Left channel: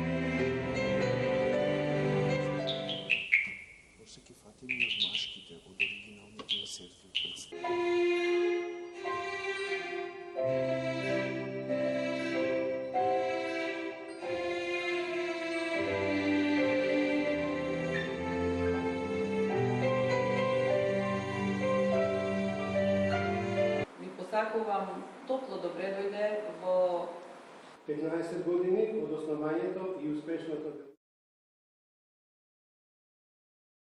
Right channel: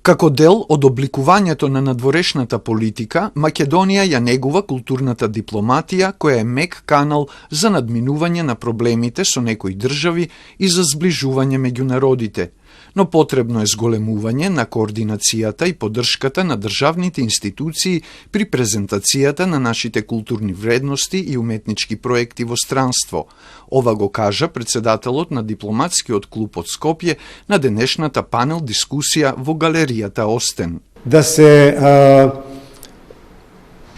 Како дел од обликувањето на надворешната политика, Македонија ја негува културната дипломатија, која е мек канал за надминување на проблемите со некои држави и за зближување меѓу народите. Но потребно е зголемување на координацијата и поддршката на државните институции при презентацијата на нашите културни вредности и уметнички проекти во странство. Ова го кажа председателот на дипломатскиот клуб од Скопје на денешната панел дискусија во галеријата Остен. Да се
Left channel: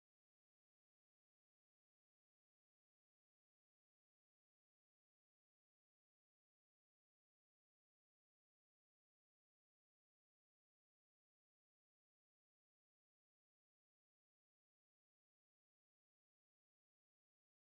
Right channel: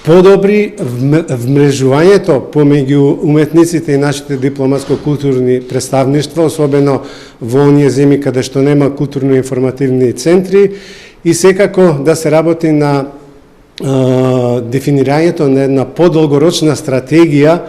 подобри вмрежувањето помеѓу уметниците и нашите дипломатско-културни представништва, особено во оние земји каде што нема културно-информативни центри, и секако да се работи на дефинирањето на една подолгорочна стратегија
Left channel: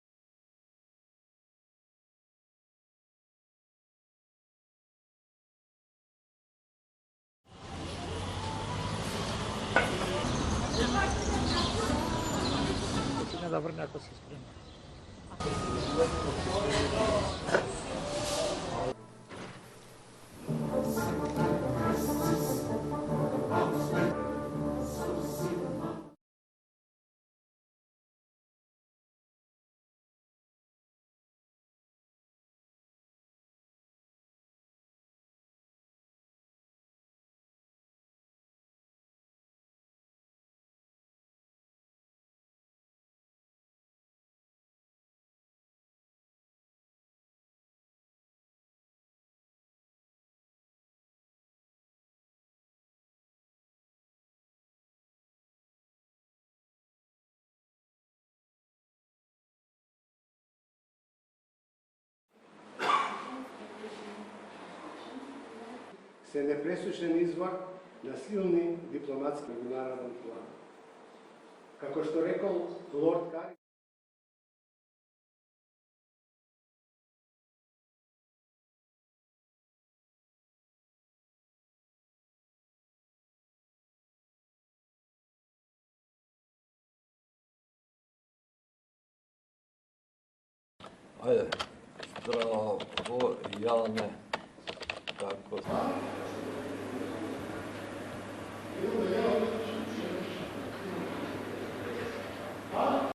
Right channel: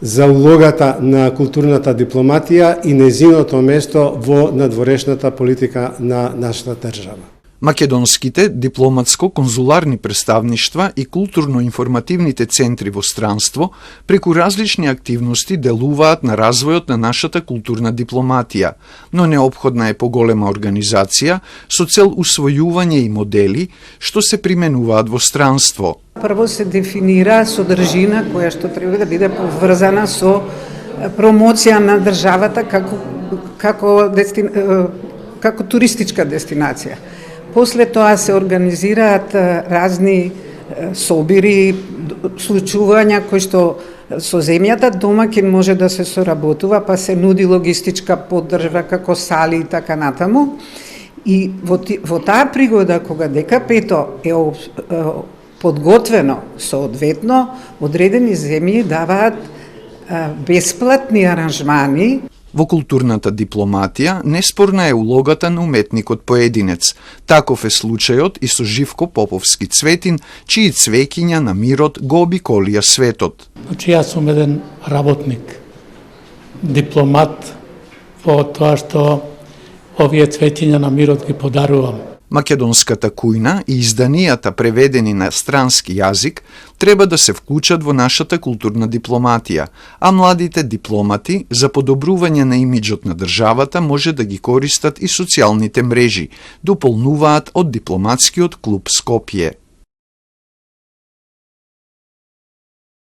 за улогата на културната дипломатија и нејзиното место во надворешната политика на нашата држава. Македонските дипломатско-конзуларни представништва и културно-информативните центри во странство преку различни активности делуваат на развојот на нашата културна дипломатија, но неопходна е поголема организација со цел усвојување и модели што се применуваат во странство. Прво се дефинира содржина која што треба да биде поврзана со промоција на државата како туристичка дестинација. После тоа се организираат разни собири, случувања кои што со земјата домаќин може да се соработува, па се нуди логистичка поддршка како сали и така натаму. И во таа пригода кога ДКП-то е подготвено соодветно, одредени земји даваат бесплатни аранжмани. Во културната дипломатија неспорна е улогата на уметникот поединец. Таков е случајот и со Живко Поповски Цветин, чии цвеќиња на мирот го обиколија светот. Значи, јас сум еден работник, дипломат во тоа што овие цвеќиња на мирот ги подарувам. Македонската кујна и изданијата преведени на странски јазик треба да се вклучат во нашата културна дипломатија, а младите дипломати за подобрување на имиџот на државата може да ги користат и социјалните мрежи, дополнуваат од дипломатскиот клуб Скопје.